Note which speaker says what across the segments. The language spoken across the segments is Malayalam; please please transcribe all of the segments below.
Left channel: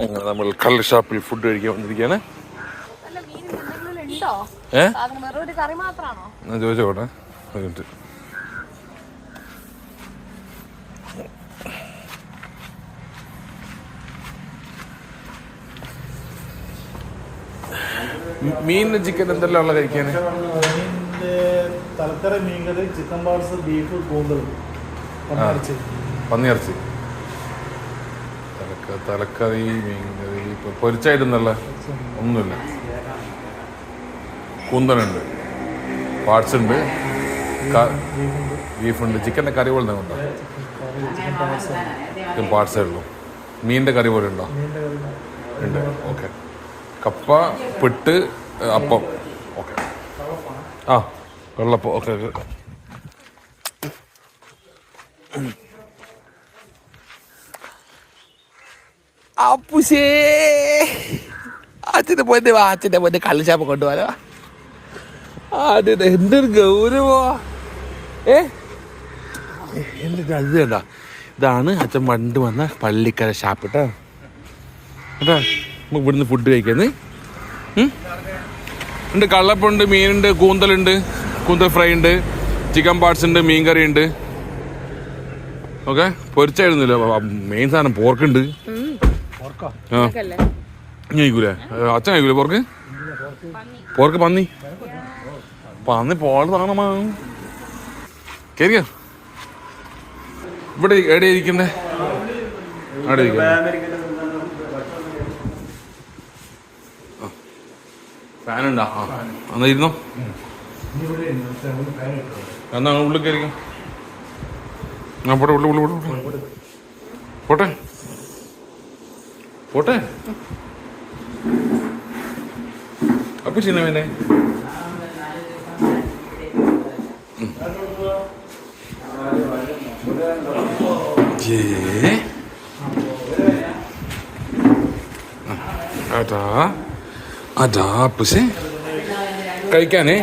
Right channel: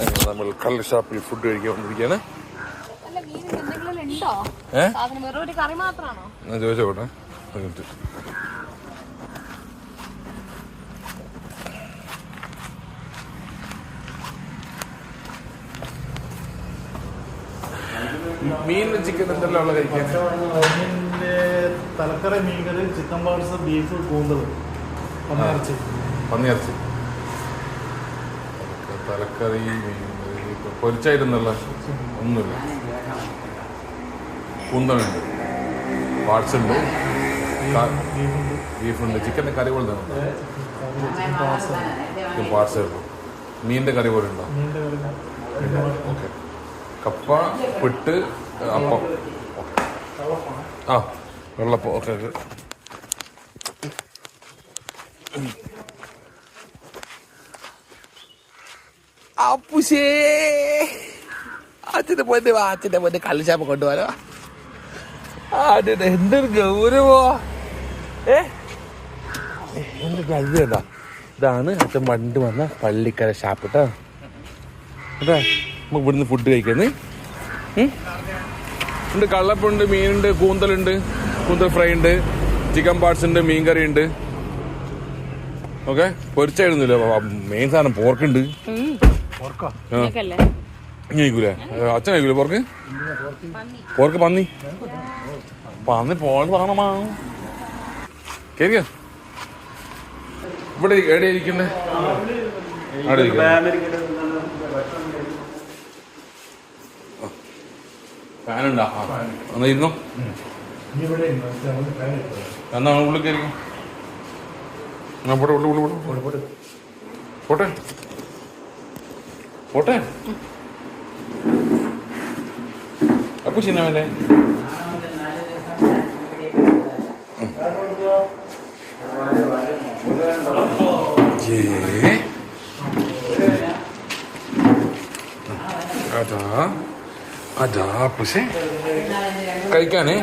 Speaker 1: അങ്ങനെ നമ്മൾ കള്ള് ഷാപ്പിൽ ഫുഡ് കഴിക്കാൻ വന്നിരിക്കുകയാണ്.
Speaker 2: മീൻ
Speaker 1: ചോദിച്ചോട്ടെ മീനിന് ചിക്കൻ എന്തെല്ലാം ഉള്ള കഴിക്കാൻ
Speaker 3: തലക്കറി മീൻകറി ചിക്കൻ പാർസ് ബീഫ് കൂന്തൽ
Speaker 1: പന്നിയിറച്ചി പന്നിയിറച്ചി. തലക്കറി മീൻകറി ഇപ്പൊ പൊരിച്ചായിട്ടൊന്നല്ല ഒന്നുമില്ല. കൂന്തലുണ്ട് പാർട്സ് ഉണ്ട്
Speaker 3: ബീഫുണ്ട്.
Speaker 1: ചിക്കന്റെ കറി പോലെ തന്നെ.
Speaker 3: ചിക്കൻ പാർട്സ്
Speaker 1: ഉള്ളൂ. മീനിന്റെ കറി പോലെ ഉണ്ടോ? ഓക്കെ. കപ്പ പിട്ട് അപ്പം. ഓക്കെ. ആ വെള്ളപ്പം. Okay okay. അപ്പുശേ അച്ഛന്റെ പൊന്നെ വാ അച്ഛന്റെ പൊന്നെ കള്ളിച്ചാപ്പ് കൊണ്ടുപോകാനോ അതെ എന്തൊരു ഗൗരവോ ഏ? എന്ത് അത്ഭുതം ഇതാണ് അച്ഛൻ പണ്ട് വന്ന പള്ളിക്കര ഷാപ്പ് കേട്ടോ കേട്ടോ നമുക്ക് ഇവിടുന്ന് ഫുഡ് കഴിക്കുന്നേ ഉണ്ട് കള്ളപ്പുണ്ട് മീനുണ്ട് കൂന്തലുണ്ട് കൂന്തൽ ഫ്രൈ ഉണ്ട് ചിക്കൻ പാർട്സ് ഉണ്ട് മീൻ കറി ഉണ്ട്. ഓക്കെ? പൊരിച്ചായിരുന്നല്ലോ മെയിൻ സാധനം പോർക്കുണ്ട് കഴിക്കൂലേ? അച്ഛൻ കഴിക്കൂലേ പോർക്ക്? പോർക്ക് പന്നി. പന്നി പോള താണമാ കേറിയോ? ഇവിടെ എവിടെ ഇരിക്കുന്നേ? അവിടെ ഫാനുണ്ടോ? എന്നാ ഇരുന്നോ എന്നാ ഉള്ളിൽ കയറിക്കോ? പോട്ടെ ഉള്ളു ഉള്ളു ഉള്ളു. പോട്ടെ. പോട്ടെ. അപ്പൊ ചിന്ന വേണ്ടേ ജേ അതാ. അതാ പക്ഷേ കഴിക്കാനേ.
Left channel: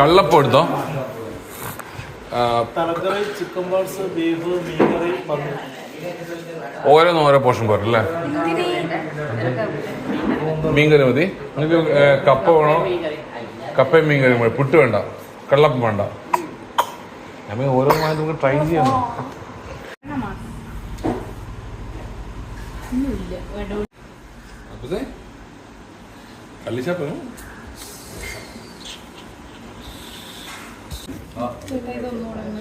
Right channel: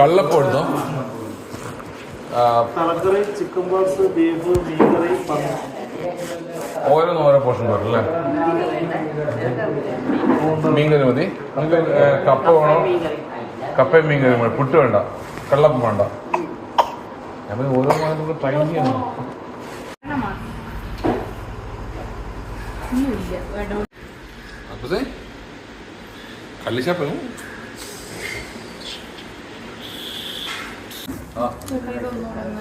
Speaker 1: കള്ളപ്പം എടുത്തോ?
Speaker 3: ചിക്കൻ ബോൾസ് ബീഫ് മീൻകറി പന്നി.
Speaker 1: ഓരോന്നും ഓരോ പോർഷൻ കൊടുക്കും അല്ലേ? മീൻകറി മതി. നമുക്ക് കപ്പ വേണം. കപ്പയും മീൻകറിയും വേണം. പുട്ട് വേണ്ട. കള്ളപ്പം വേണ്ട. ഓരോന്നും ട്രൈ ചെയ്യണം അപ്പസേ ആ.
Speaker 2: ഇതൊന്നും